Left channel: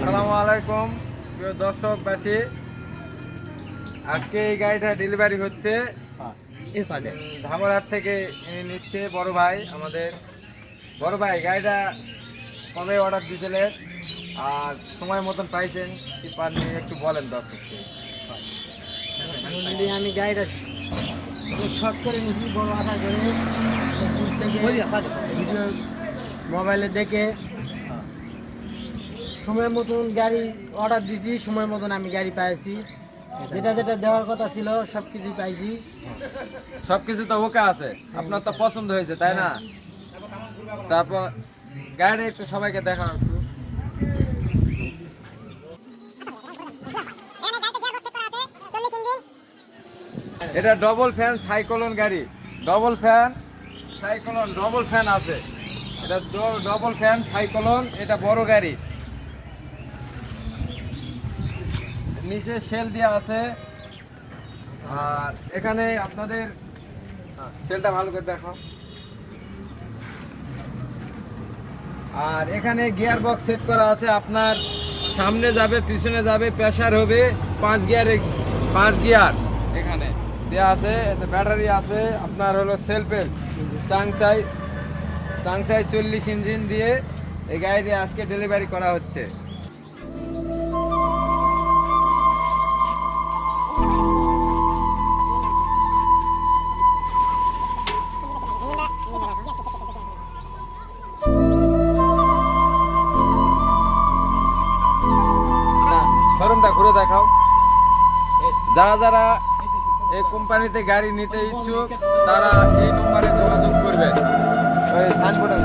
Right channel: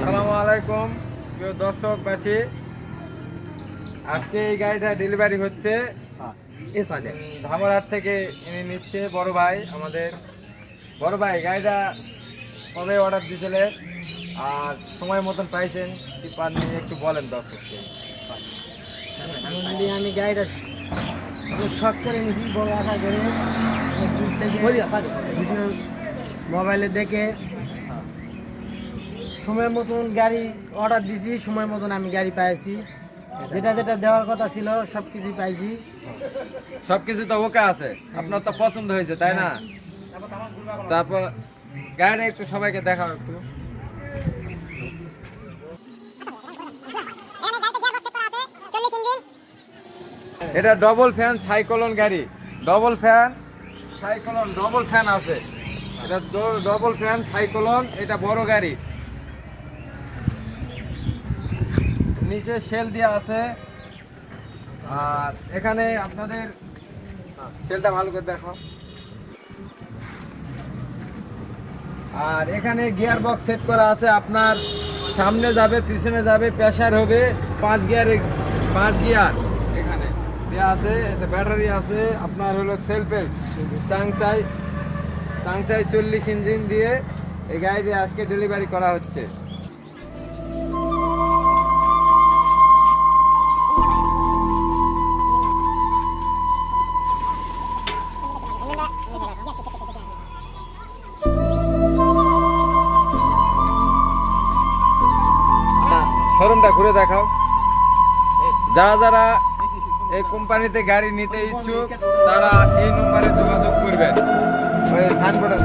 আসসালামু আলাইকুম প্রিয় দর্শকবাসী, আজকে এই গাড়িটা ডেলিভারি হচ্ছে ধামরাহাট থেকে নিচ্ছে বড় ভাই। আমাদের বড় ভাই গাড়িটা কবে অর্ডার দিয়েছিলেন আর সময় মতন পাইছেন কি পাননি একটু বলেন দর্শককে। আমি গাড়িটা শখ করে নিয়েছি, বড় আশা করে দূর থেকে ভিডিও মোবাইলে দেখে সময় মতন গাড়ি অর্ডার দিয়েছি। সময় মতন আমি গাড়ি পাইছি, যেটা যেটা দেওয়ার কথা ছিল সব কিছুই পাইছি। সবকিছু তো ওকে আছে, আপনার তো পছন্দ হয়েছে তাই না? তারপর গাড়িটা একটু সবাইকে দেখাও একটু। এটা ডবল ফ্যান সাইক্লোন গাড়ি, double fan cyclone, double fan আছে। এটা ডবল ফ্যান সাইক্লোন, এটা বড় গাড়ি। নিচে সেল দেওয়া আছে, আর এখানে আপনাদের সেলটা ভালো করে দেখো। আর এখানে গিয়ার বক্স সেট করা আছে, আপনার সামনে যাবে পিছনে যাবে, প্রেসার হবে 5 গিয়ার এখানে দেওয়া আছে। ব্যাটারি আছে, আপনার হলো সেলফেল চাংচাই 40 ইঞ্জিন দিয়ে এই গাড়িটি আজকে ডেলিভারি করা হচ্ছে। শোরুমটা ঘুরে দেখাও। যারা যারা এই কোম্পানিতে গাড়ি নিতে ইচ্ছুক তারা এই নম্বরে যোগাযোগ করবেন। ওই সাইনবোর্ডে